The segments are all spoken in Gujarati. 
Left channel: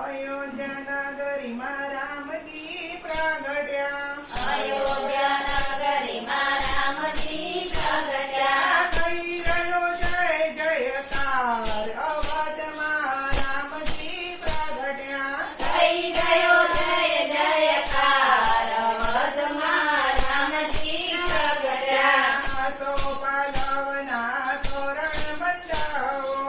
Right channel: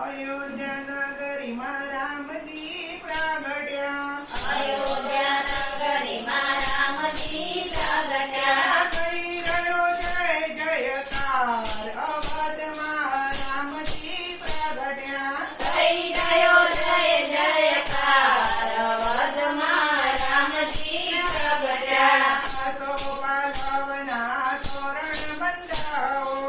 અયોધ્યા નગરીમાં રામજી પ્રગટ્યા. અયોધ્યા નગરીમાં રામજી પ્રગટ્યા. કહી રહ્યો જય જયકાર અવધમાં રામજી પ્રગટ્યા. થઈ ગયો જય જયકાર અવધમાં રામજી પ્રગટ્યા. આસો પાલવના તોરણ બંધાવો.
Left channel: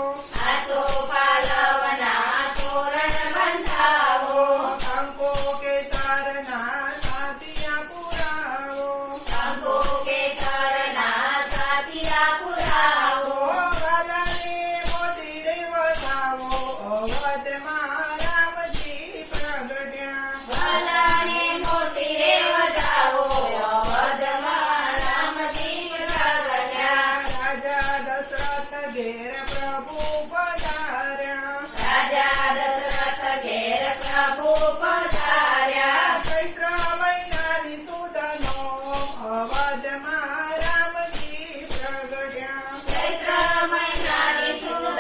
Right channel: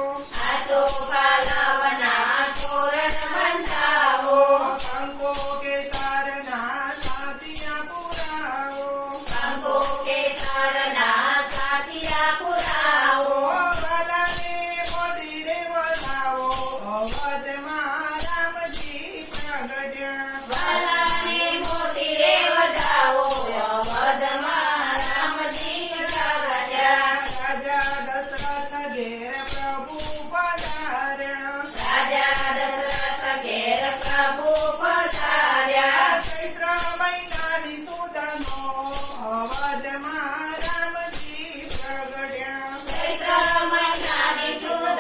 આસો પાલવના તોરણ બંધાવો. કંકો કેસરના સાથિયા પુરાવો. કંકો કેસરના સાથિયા પુરાવો. વાલાને મોદીને વધાવો અવધમાં રામજી પ્રગટ્યા. વાલાને મોતીરે વધાવો અવધમાં રામજી પ્રગટ્યા. રાજા દશરથ ઘેર પ્રભુ પધાર્યા. રાજા દશરથ ઘેર પ્રભુ પધાર્યા. ચૈત્ર મહિનાની સુદનો અવધમાં રામજી પ્રગટ્યા. ચૈત્ર મહિનાની સુદનો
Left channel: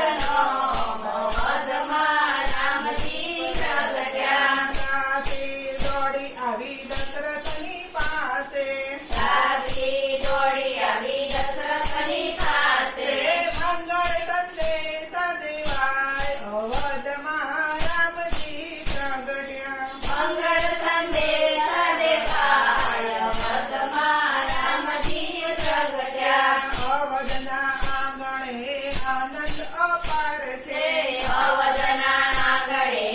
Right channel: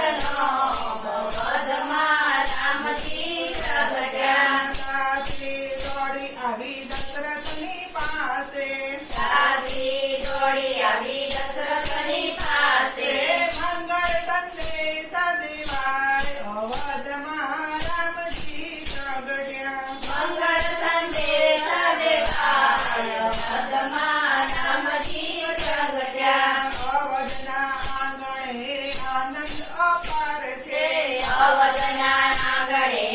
અવધમાં રામજી પ્રગટ્યા. સાથી દોડી આવી દશરથની પાસે. સાથી દોડી આવી દશરથની પાસે. મંગળ સંદેશ દેવાય અવધમાં રામજી પ્રગટ્યા. મંગળ સંદેશ દેવાય અવધમાં રામજી પ્રગટ્યા. અવધના આંગણે આનંદ અપાર છે. અવધના આંગણે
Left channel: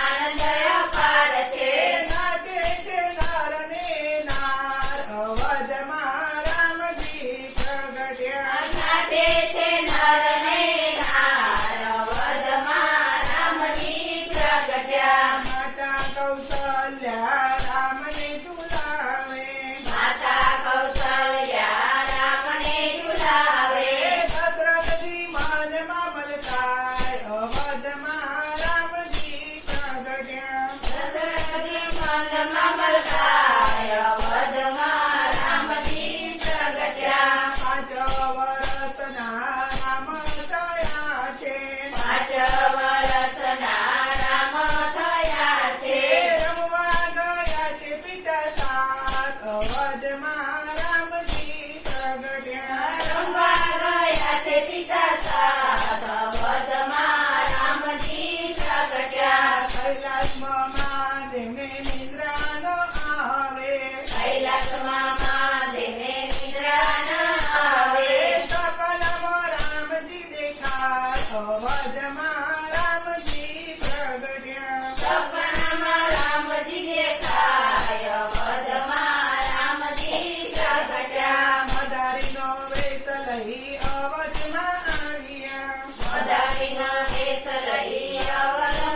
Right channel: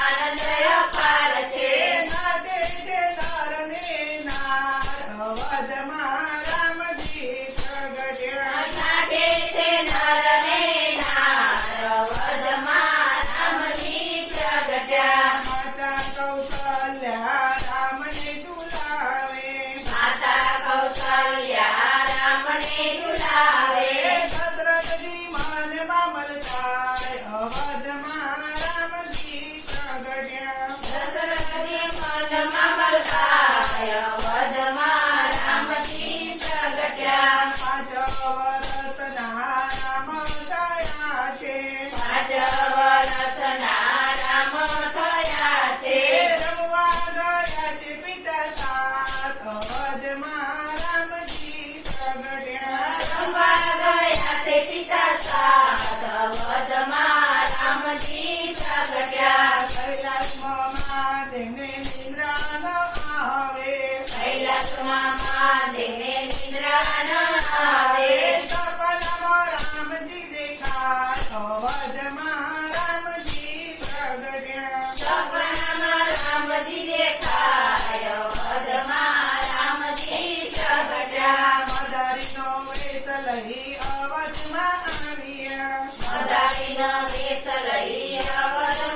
આનંદ અપાર છે. નાચે છે નર ને નાર અવધમાં રામજી પ્રગટ્યા. નાટે છે નર ને નાર અવધમાં રામજી પ્રગટ્યા. માતા કૌશલ્યા રામને ઝુલાવે. માતા કૌશલ્યા રામને ઝુલાવે. દશરથજી મનમાં મલકાય અવધમાં રામજી પ્રગટ્યા. દશરથજી મનમાં મલકાય અવધમાં રામજી પ્રગટ્યા. 5 વર્ષના રામ થયા છે. 5 વર્ષના રામ થયા છે. રમવા ગયા છે પિતા સાથ અવધમાં રામજી પ્રગટ્યા. રમવા ગયા છે પિતા સાથ અવધમાં રામજી પ્રગટ્યા. કૈલાસમાં મહાદેવને નિદ્રા ન આવે. કૈલાસમાં મહાદેવને નિદ્રા ન આવે. સપનામાં રામજી દેખાય અવધમાં રામજી પ્રગટ્યા. સપનામાં રામજી દેખાય અવધમાં રામજી પ્રગટ્યા. મદારીનો વેશ લઈ અવધમાં આવ્યા. મદારીનો વેશ લઈ અવધમાં